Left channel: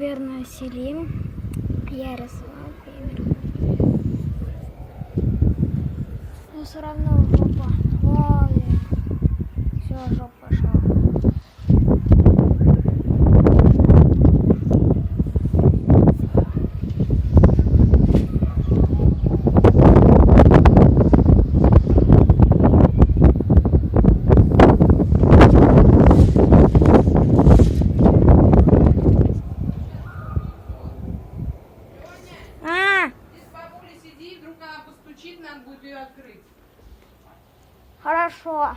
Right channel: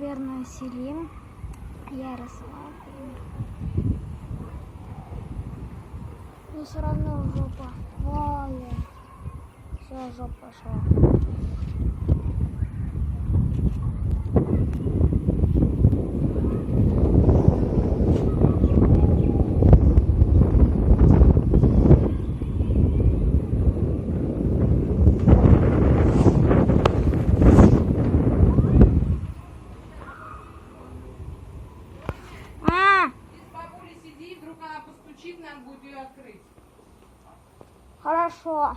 наверное, Селим. Я рисовал примерно. Но все равно жопа. Ой, все, жопа пошла. Вдруг она постучит, надо будет ее открыть. Хорошо.